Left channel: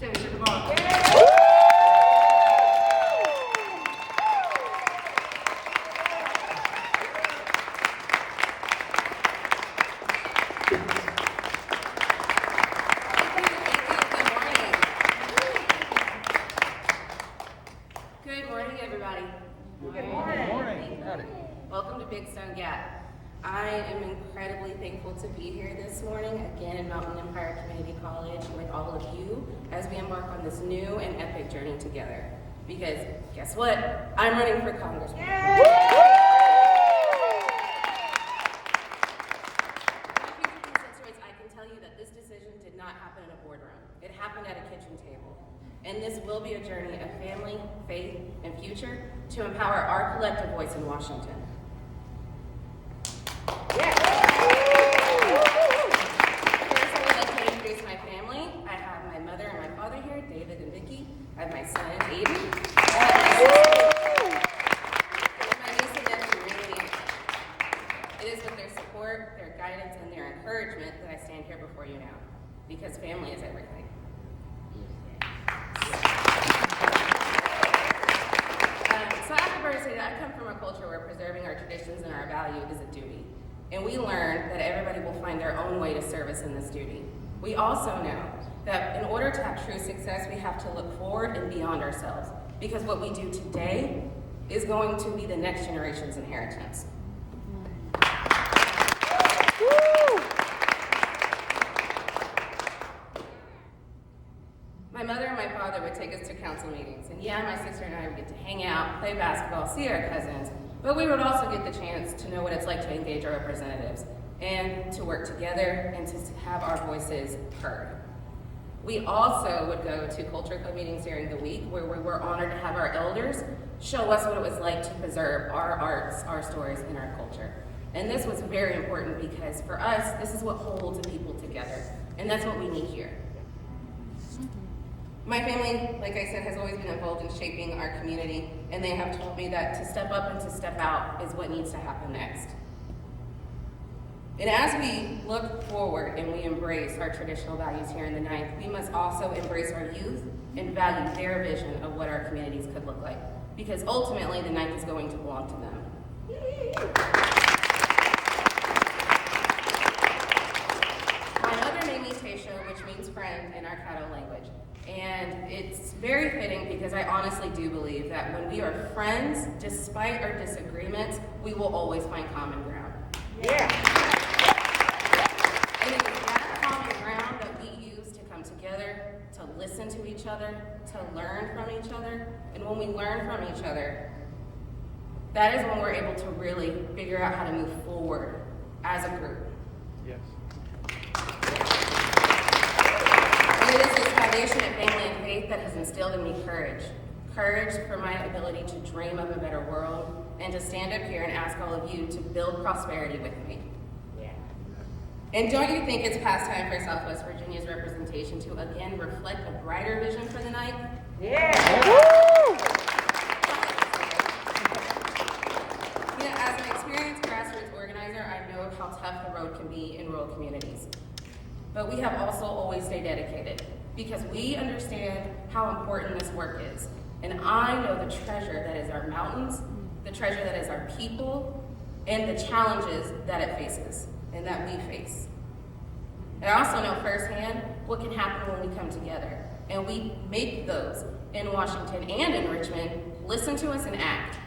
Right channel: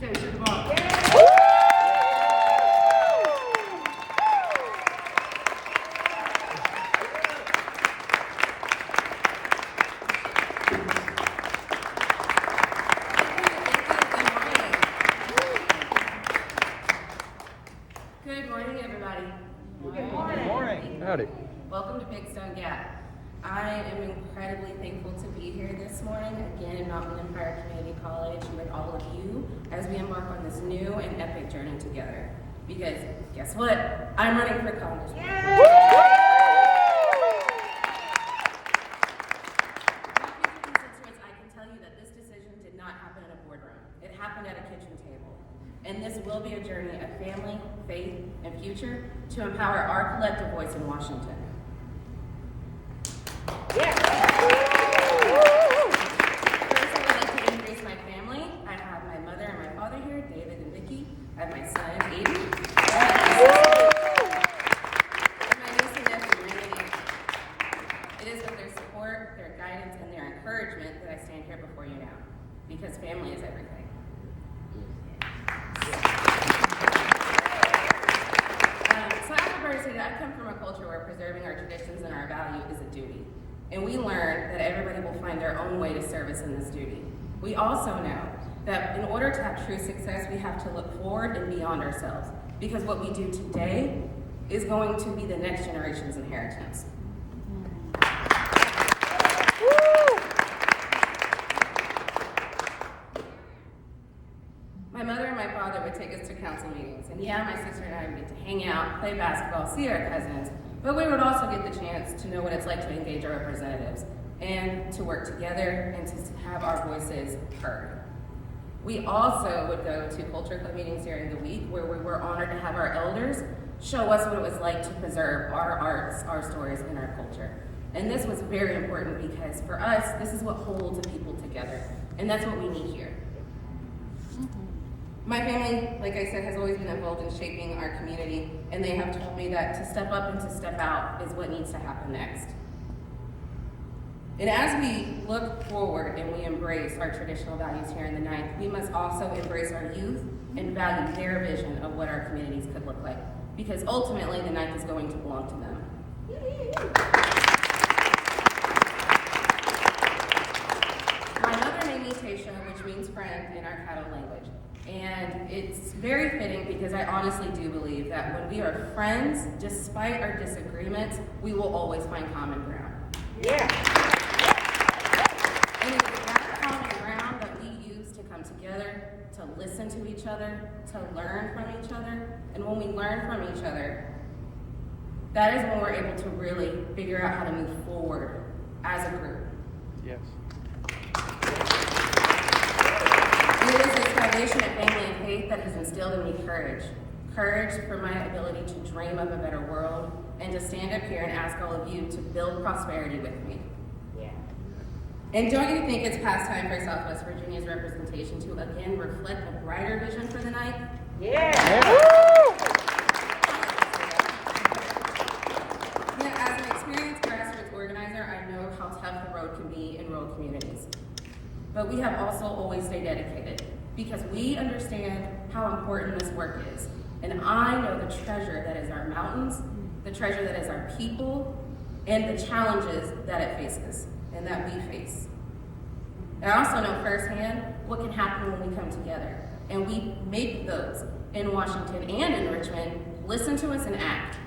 Taysha, come on. Good morning, everybody. Good morning. Howdy. Welcome to Big Stone Gap. I am incredibly thankful to be here this morning, again in Mountain Empire Community College with all of you as we embark on this new and epic journey together. Because guess what? I'm running for Congress. I can tell you that this decision did not happen in a boardroom. It happened at a kitchen table. And this will be a journey of family, faith, and future to empower our collective voice in Washington. First, I would like to introduce my family. I have my mother and my father here, David and Vicky. I have my son, Aiden. My niece and nephew, Randy. It is with their support, their guidance, and their encouragement that I stand here before you now. Because family is everything. So I have to say that I come from a culture where preserving our traditions and our value is a duty. And we learn that everybody will find their own way to service in this duty. We also know that in order to have true success, we have to look forward and beyond ourselves. Because what we do today is going to be the next generation's inheritance. My mother and my father would take us to council meetings. And yeah, my sister and I would get to hang out, play basketball, see our cousins. But we would also get the chance to know what it's like to engage our representatives and to work together and to have our voices heard. We also would go to culture club meetings during the week where we were honored to have our elders show us what it was like to preserve our arts, our stories, and our culture. And this was very important because for us, this is what holds people together. And that's what we need here. My family, like I said, has always been involved in shaping our community, and they have told me that to step up and to step out is what needs to happen next. And as we look forward and we embrace our traditional values here in the ninth, we must also embrace our youth and value their vision of what our communities could look like, because ultimately the ninth is going to belong to them. My mother named me Taysha, which means friend in our Caddo language. And it's very fitting because I honestly do believe that when we are friends, despite our disagreements, we will always find common ground. Yeah. And it's that common ground that we use to come together, to listen to each other, to learn from each other. And when we learn from each other, that is when we're able to really figure out how to move forward as a group. Yes. It is this foundation of family and faith that has instilled in me courage. Courage for my ability to dream of a better world and to stand up here and ask all of you to build prosperity with me. Yeah. And don't you think it's past time for Southwest Virginia's representation to again reflect a brighter vision for the night? Yeah. As an experienced grassroots organizer, I know how tough the road can be in rural communities. But we have also always stayed dedicated because we understand how important this work is. And I know the treasure that is our mountains, the treasure that is our people, and the challenges that it faces and that we face. And I also know firsthand what can happen when we come together and we make those in Washington and in Richmond listen to us and act.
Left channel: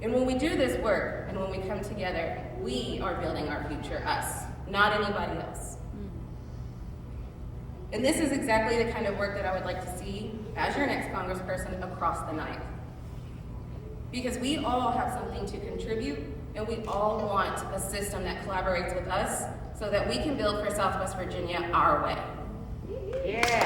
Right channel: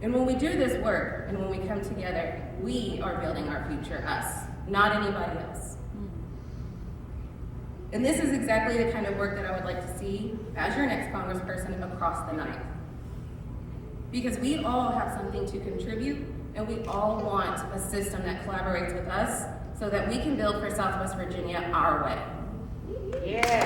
And when we do this work and when we come together, we are building our future, us, not anybody else. And this is exactly the kind of work that I would like to see as your next congressperson across the ninth. Because we all have something to contribute, and we all want a system that collaborates with us so that we can build for Southwest Virginia our way. Yeah.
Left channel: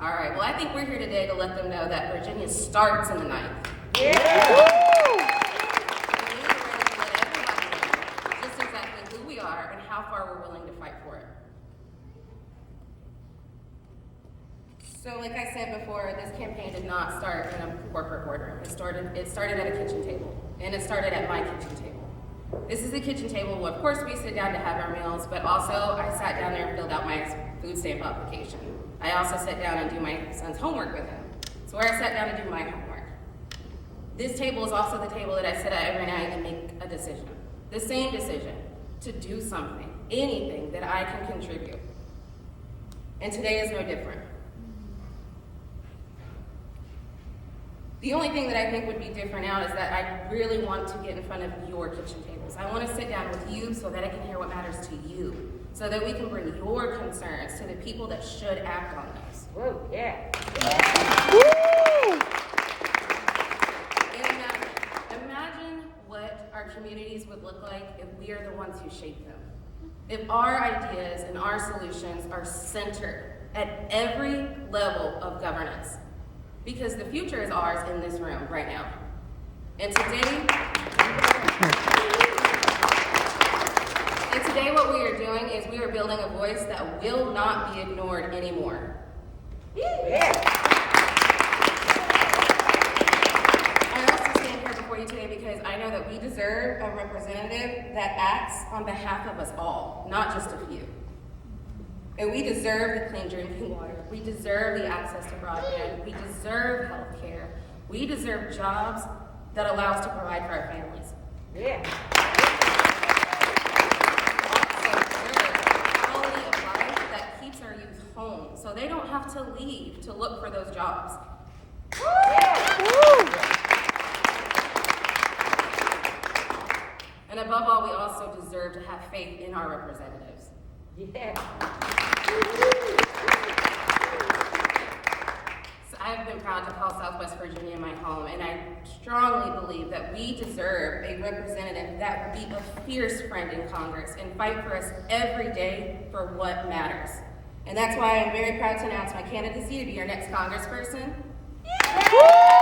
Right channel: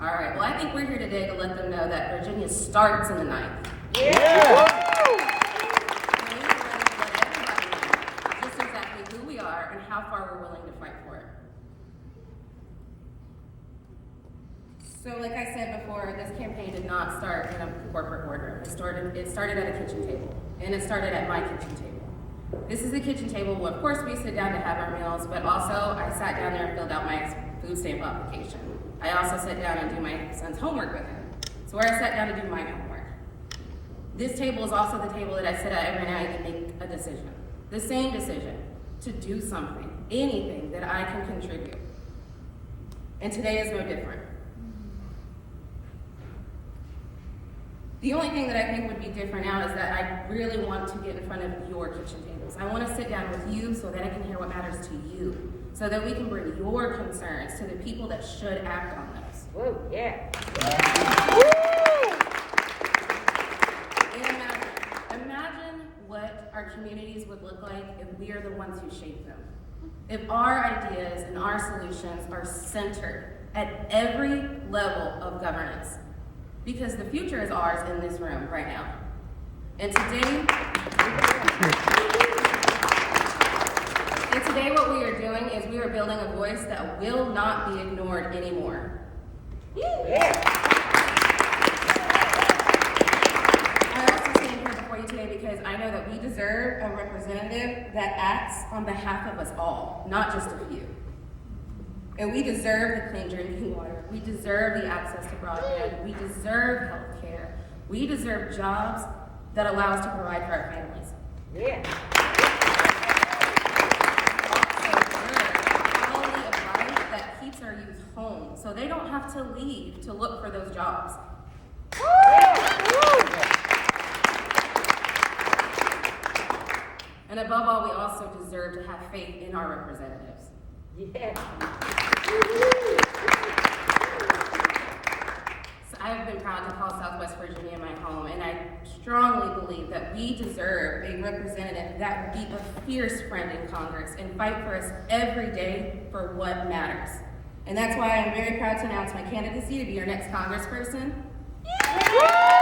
All right, well, I think we're here today to let them know that Virginia starts in the ninth. Yeah. Just exactly who we are and how far we're willing to fight for it. So like I said before, this campaign did not start in a corporate boardroom. It started at a kitchen table, and it started at my kitchen table. This is the kitchen table where, of course, we sit down to have our meals, but also I sat down there and filled out my food stamp application. I also sit down and do my son's homework with him. So where I sat down to do my homework. This table is also the table that I sit at every night and make a decision. The same decision to do something, anything that I can contribute. And today is no different. The only thing that I think would be different now is that I really want to get in front of your kitchen tables. I want to sit down with you so that I can hear what matters to you, so that we can bring your concerns to the people that should act on those. Woo, yeah. And imagine what our communities would look like if we are the ones who shape them. If our ideas and our solutions are centered at every level of governance. Because the future is ours in this room right now. And today what we are doing is we are building a voice that will not be ignored anymore. Yeah. I also stand here before you today because I know that we deserve a representative that acts on behalf of us all, not just a few. And we deserve the clean drinking water. We deserve the access to broadband. We deserve health care. We deserve jobs that allow us to provide for our families. Yeah. Quality of life that keeps our youth home, so they don't have to leave to look for those jobs. And above all, we also deserve to have faith in our representatives. Yeah. So I have been proud to call Southwest Virginia my home, and I strongly believe that we deserve a representative that will be a fierce friend in Congress and fight for us every day for what matters. And that's why I'm very proud to announce my candidacy to be your next congressperson. Yeah.